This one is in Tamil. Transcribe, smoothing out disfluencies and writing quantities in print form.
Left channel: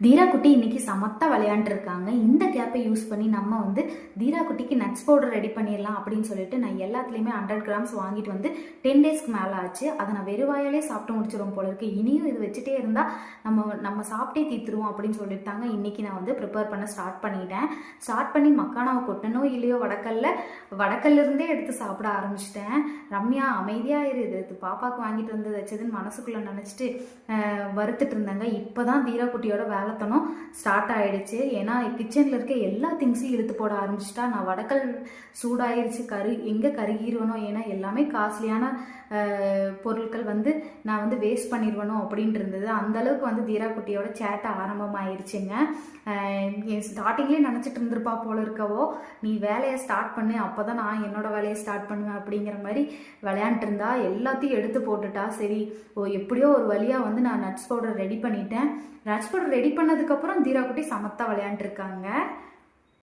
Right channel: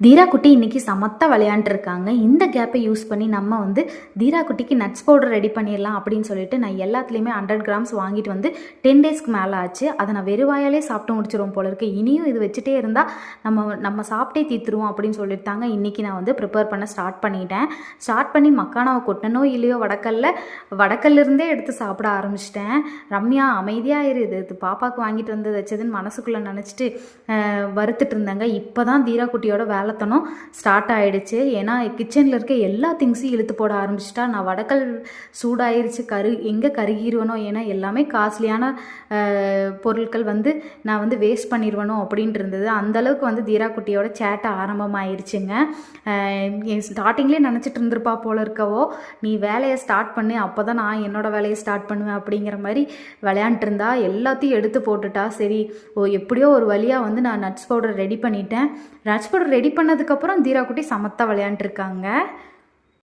தீரா குட்டி இன்னைக்கு சமத்தா விளையாண்டுருக்காங்க. இந்த கேப்பை யூஸ் பண்ணி நம்ம வந்து தீரா குட்டிக்கு நட்ஸ் பவுடர் ரெடி பண்ணிடலாம் அப்படின்னு சொல்லிட்டு நான் எல்லாத்துலேயுமே 100 கிராம்ஸ் வாங்கிட்டு வந்து 10 டேஸ்க்கு மேலே ஆச்சு. அதை நான் வெறுவாயாலே சாப்பிட்டு முடிச்சிருவோம் போல இருக்கு. இனியும் இது வச்சுட்டே இருந்தால் நம்ம சாப்பிட்டே தீத்துருவோம் அப்படின்னு சொல்லிட்டாங்க. இன்றைக்கி நான் வந்து ப்ரிப்பேர் பண்ண ஸ்டார்ட் பண்ணிட்டேன். ஸ்டார்ட் பண்ணி மக்கானாவை கொட்டனோ இல்லையோ வடக்கல்லிருந்தே எடுத்து சாப்பிட ஆரம்பிச்சிட்டேன். ரம்யா அமைதியாக இது பாப்பாவுக்கு வாங்கிட்டு வந்து வச்சதுன்னு மனசுக்குள்ளே நினச்சிட்டு வறுத்துட்டு இருந்தாங்க. இப்போ தான் தீரா குட்டியோட வேலைத்தனம் ஸ்டார்ட் ஆகிடுச்சு. ஏன்னா கிச்சனில் இருக்க எல்லா திங்ஸையும் இழுத்து போட ஆரம்பிச்சிட்டா. நான் வடக்கல் சூடாயிருச்சு, எங்கே கருகிடுவனோ, ஏன்னா எல்லாமே காஸ்ட்லியான பொருட்கள் வந்து நான் வந்து வேஸ்ட் பண்ணிடுவனோ அப்படின்ட்டு இருந்தது. அந்தளவுக்கு வந்து தீரா குட்டியோட சேட்டை ஆரம்பமாயிருச்சுங்க. ஸ்டார்டிங்லேயே நினச்சிட்டு இருந்திருப்பா போல இருக்கவோ, நீ வேலையை ஸ்டார்ட் பண்ணு, அப்போ தான் நான் என்னோடய வேலையை ஸ்டார்ட் பண்ணுவேன் அப்படிங்கிற மாதிரி விளையாண்டுருந்தா. எல்லாத்தையும் எடுத்து போட்டுட்டா. சரி, எப்படியோ ஒரு வழியாக வந்து நான் நட்ஸ் பவுடர் ரெடி பண்ணிட்டேன். நட்ஸ் பவுடர் ரெடி பண்ணதுக்கப்புறம் தீரா குட்டி சமத்தா விளையாண்டுருக்காங்க.